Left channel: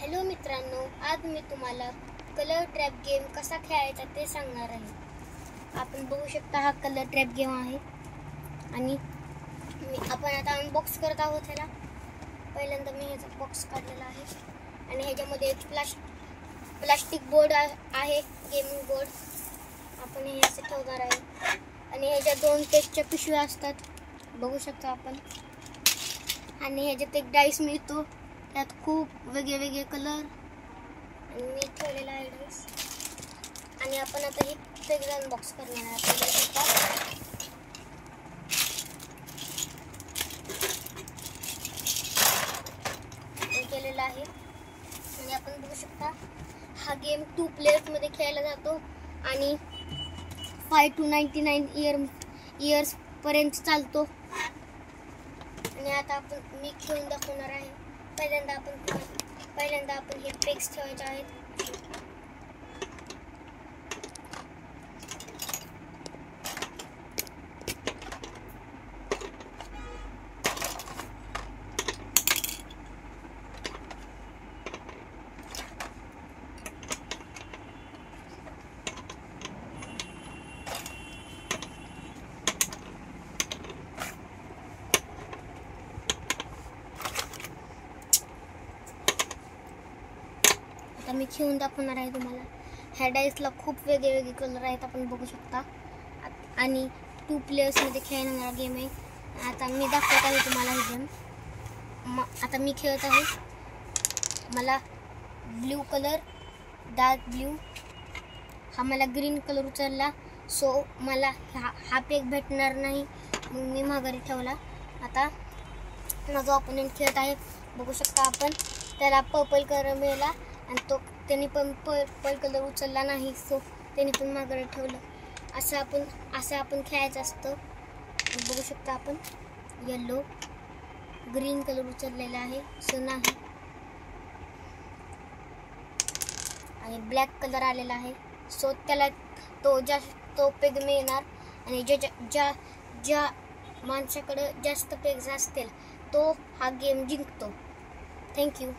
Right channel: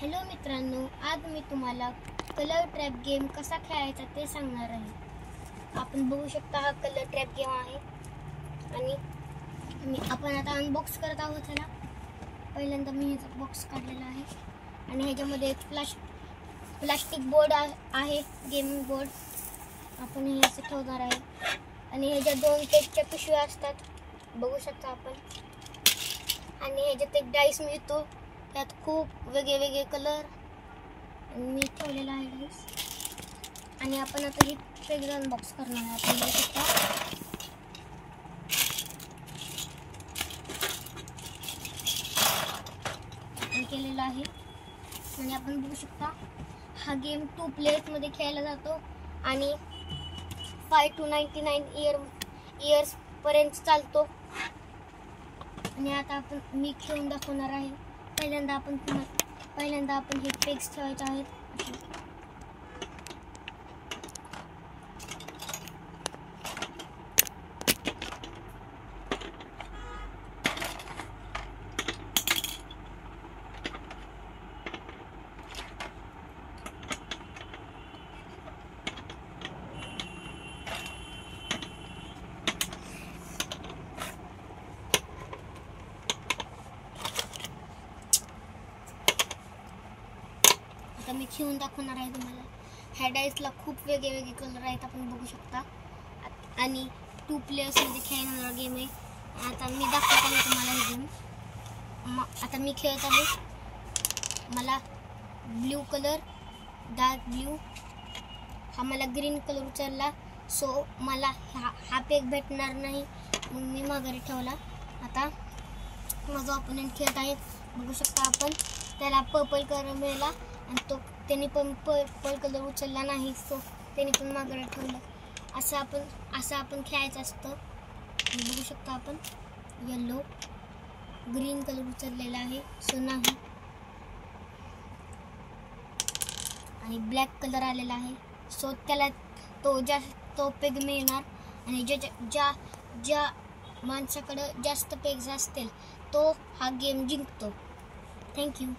Hello मित्रांनो, आज मी तुम्हाला कलर ट्रॅप गेम कसा खेळायचा ते सांगणार आहे। आपण बघू शकता हा कलर ट्रॅप गेम आहे आणि आपण आता अनबॉक्स करत आहोत ह्याला। पहिल्यांदा मी ह्याचा बॉक्स काढलेला आहे आणि ह्याच्यामध्ये एक प्लास्टिक बोर्ड आहे, गेमिंग बोर्ड। आपण हे असे ठेवणार आहे आणि ह्याच्या दोन टेस्टच्या पिशव्या असतात, बघू शकता आपण। आणि ह्याच्यात एक डाइस मिळतो, त्यात खूप वेगळे कलर मी ठेवलेला आहे डाइस। आणि आपण आता हे पेज अनबॉक्स करणार आहे। आपण बघू शकता केलेला आहे आणि आपण बघू शकता हा गेम 2 प्लेयर्स मध्ये खेळला जातो आणि 5 to 99 इयर्स पर्यंत चालतो। आणि आता मी खेळून दाखवणार आहे। पहिल्यांदा आपण हे पेग्स ठेवायचे आहेत। मी खेळून दाखवणार आहे तुम्हाला। ह्या डाइसला खूप वेगळे कलर आहेत, आपण बघू शकता। आणि 2 प्लेयर्स मध्ये खेळणारा गेम आहे। आता मी दाखवत आहे तुम्हाला हे गेम। आता मी खेळत आहे। मला ब्ल्यू कलर, डार्क ब्ल्यू, हा मला ग्रीन कलर उचलला, सो मला हा पेग भेटणार नाही, म्हणून मी माघारी ठेवला। आता माझा ओपोनेंट खेळत आहे, बघू शकता आपण। त्याला पर्पल कलर मिळाला आणि त्यांनी पण पर्पल कलर उचलला नाही, सो त्यांनी पण मागे ठेवलं। असं आपण खेळायचं असतं। बघू शकता आपण येलो ग्रीन कलर उचललेला आहे, सो नाही। आणि ब्लॅक कलर आलेला आहे, सो त्याला तो पेग मिळणार। आणि ज्या माणसाकडे जास्त पेग्स असतील तो हा गेम जिंकतो। थँक्यू।